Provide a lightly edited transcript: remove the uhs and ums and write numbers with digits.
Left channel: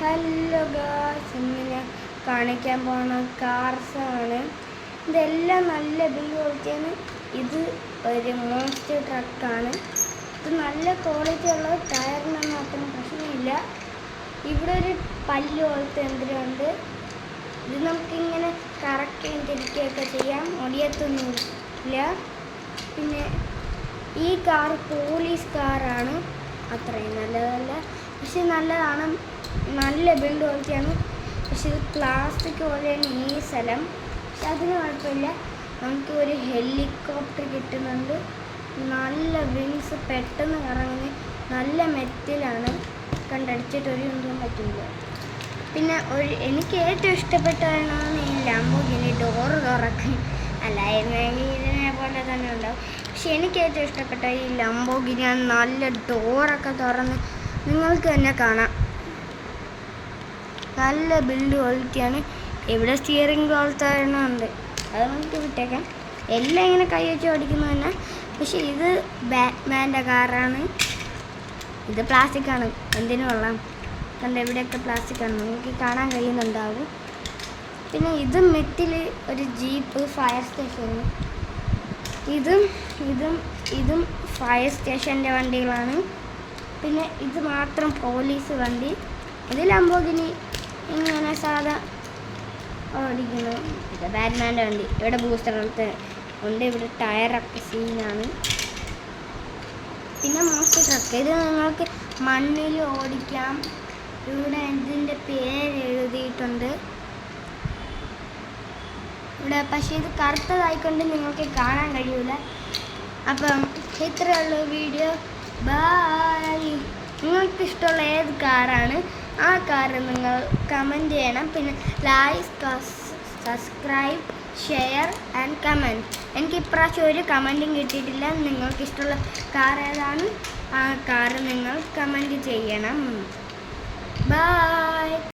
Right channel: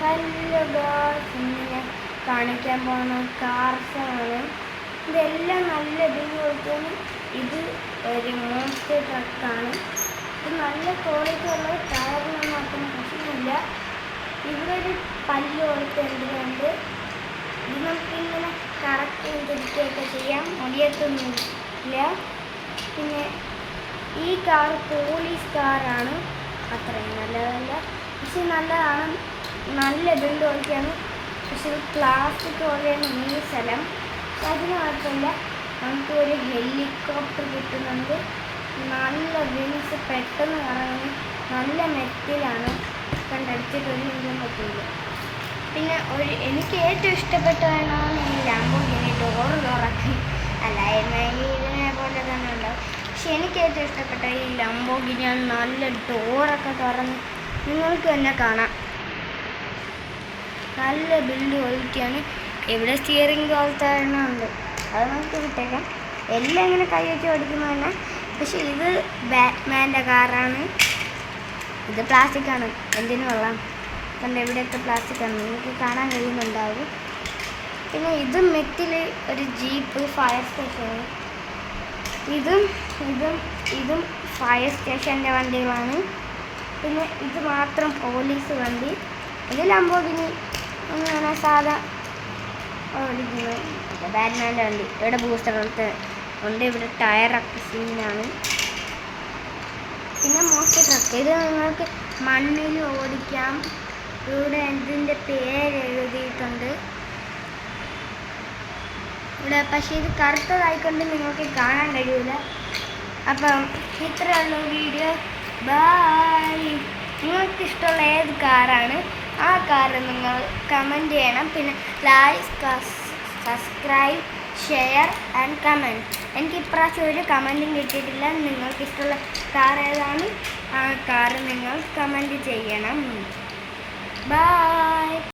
Hello guys, ഇന്ന് ഞാൻ കാണിക്കാൻ പോകുന്ന കാർസാണ്. ഇതെല്ലാം നല്ല ഇതുപോലത്തേന്. ഇത് ഒരു മോൺസ്റ്റർ ട്രക്കാണ്. ഇത് നല്ല ക്വാളിറ്റി ഉള്ള ടയറിനൊന്നും അത്ര പ്രശ്നമില്ല. ഇവിടെ ഒരു പല്ല് പോലത്തെ എന്തിനുണ്ട്. ഇത് നമുക്കിങ്ങനെ കറക്റ്റ് തിരിക്കുകയൊക്കെ ചെയ്യാം, ഒടിയത്തൊന്നുമില്ല. പിന്നെ ഈ കാർ പോലീസ് കാറാണ്, അത്രയും നല്ലതല്ല, പക്ഷെ നല്ലതാണ്. നല്ല ബിൽഡ് ക്വാളിറ്റിയാണ്. പക്ഷേ ഇത് പ്ലാസ്റ്റിക് പോലെയാണ് ഈ സ്ഥലം. അതിന് കുഴപ്പമില്ല. നമുക്ക് ഒരു ഹെലികോപ്റ്റർ കിട്ടുന്നുണ്ട്. നല്ല വിങ്സ്, പെട്ടെന്ന് കറങ്ങി, നല്ല മെറ്റിലാണ്. കണ്ടടിച്ചിട്ട് ഒരു മിനിറ്റും പറ്റില്ല. പിന്നെ എനിക്ക് ഏറ്റവും ഇഷ്ടപ്പെട്ടതാണ് ഈ ലംബോർഗിനി ഡോർ തുറക്കും. അല്ല, ഇതിനെ പോലെ തന്നെ ഉണ്ടാവും. പക്ഷെ എനിക്ക് ഏറ്റവും ഇഷ്ടപ്പെട്ട ഈ ലംബോർഗിനി നല്ല ഡോറൊക്കെ തുറന്ന് നിങ്ങൾക്ക് തന്നെ കാണാം. നല്ല ബിൽഡ് ക്വാളിറ്റിയാണ്. എവിടെ സ്റ്റിയറിംഗ് പോലത്തെ ഉണ്ട്, അത് നമുക്ക് വിട്ടേക്കാം. എല്ലാം ഇങ്ങനെ കൈ വെച്ച് ഓടിക്കുമ്പോൾ തന്നെ. പക്ഷെ ഇത് ബാറ്റ്മാൻ്റെ കാറാണ്. ഇത് പ്ലാസ്റ്റിക്കാണ്, എന്തിനും കൊള്ളാം. കണ്ട് എവിടെയൊക്കെ പ്ലാസ്റ്റിക്കാണ്, നിങ്ങൾക്ക് കാണാൻ കഴിയുന്നുണ്ടാവും. പിന്നെ ഇത് മെറ്റിൽ ഒരു ജീപ്പ് ഫയർ സ്റ്റേഷനാണ്. ഇതും ഫയർ സ്റ്റേഷൻ്റെ വണ്ടികളാണ്. പിന്നെ ഇത് മാത്രം പോലീസ് വണ്ടി. ഇത് ലംബോർഗിനി ഇങ്ങനെ സാധാ ഓടിക്കുന്നു. ഇത് ബാറ്റ്മാൻ്റെ വണ്ടി. ഇവിടെ ബൂസ്റ്ററൊക്കെ ഉണ്ട്. ഇവിടെ ടയറൊക്കെ സീനാണ്. പിന്നെ മോസ്റ്റർ ട്രക്ക്, ഇത് നിങ്ങൾക്ക് മണ്ണിൽ ഓടിക്കാം. ഇവിടെ ഇതിൻ്റെ പേര് എഴുതിയിട്ടുണ്ട് ഇവിടെ. പക്ഷേ ഇത് കറുത്തതായിക്കൊണ്ട് നിങ്ങൾക്ക് കാണാൻ കഴിയില്ല. അപ്പം ഇത്രയുള്ള വീഡിയോ. ബൈ. നിങ്ങൾക്ക് ഇഷ്ടമുള്ള ഏത് കാറാണ് ആ കാറ് നിങ്ങൾ കമൻറ്റ് ചെയ്യണം. പിന്നെ like, subscribe, share and comment. എനിക്ക് ഇപ്രാവശ്യം ഒരു കമൻറ്റും കിട്ടിയിട്ടില്ല. നിങ്ങൾക്ക് ഇഷ്ടമുള്ള കാർ ഏതാണ് ആ കാറ് നിങ്ങൾ കമൻറ്റ് ചെയ്യണം. ബൈ.